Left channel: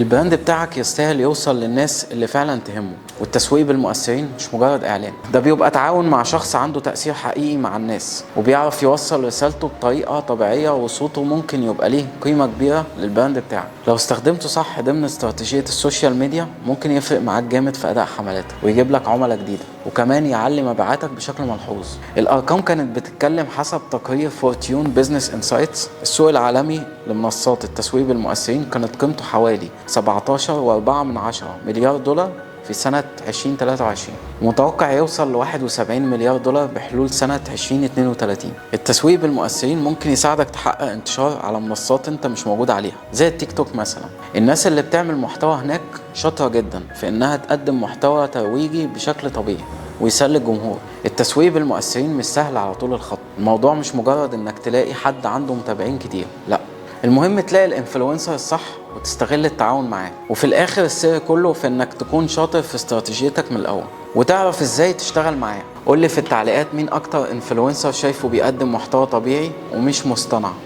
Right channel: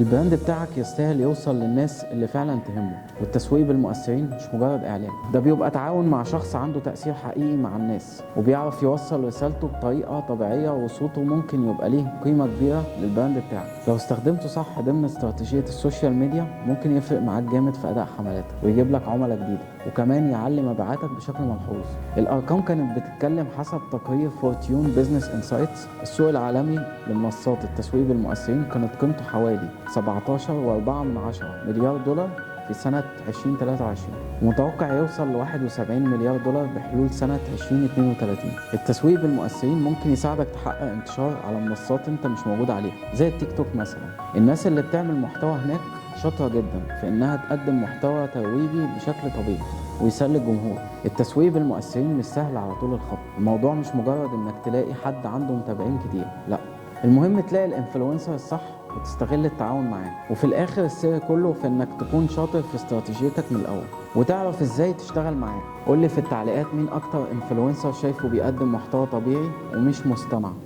البراند بتاعك يستاهل يوصل للناس اللي فعلا تهمه، والتسويق بالمؤثرين مش مجرد اعلان، ده بيبقى تعاون مع شخص عنده تأثير حقيقي مع الناس وبيعرف يوصل رسالته بطريقة طبيعية، وصوته ممكن يبقى ليه قيمة كبيرة للبراند بتاعك. لو استخدمته صح ضمن استراتيجية السوشيال ميديا ممكن يفرق معاك جامد في أداء حملاتك ويجيب لك عملاء جديدة، وكمان يعلي مبيعاتك بشكل ملحوظ. الأرقام كانت بتتكلم حسب تقرير فورتيون بيزنس انسايتس، السوق العالمي لمنصات التسويق بالمؤثرين كانت قيمته حوالي 17.4 مليار دولار في سنة 2023، ومتوقع يوصل ل 71 مليار دولار بحلول سنة 2032. التسويق بالمؤثرين ممكن يساعدك تحقق انتشار على منصات انت مش موجود عليها زي التيك توك مثلا. الناس اللي بتعمل محتوى هناك شاطرة جدا في انها تقدم محتوى ترويجي بشكل طبيعي ويسلي الجمهور. التسويق بالمؤثرين مش سهل على طول الخط، الموضوع مش مجرد انك تلاقي حد عنده متابعين كتير، لا، المهم تلاقي الانفلونسر الصح وتستغل التعاون معاه. وفي الاخر السر كله في انك تكون شاطر في استراتيجيتك من الاول وتعرف ازاي تشتغل معاه. قولي في التعليقات مين اكتر انفلونسر شايفه بيقدم محتوى طبيعي ومش مصطنع.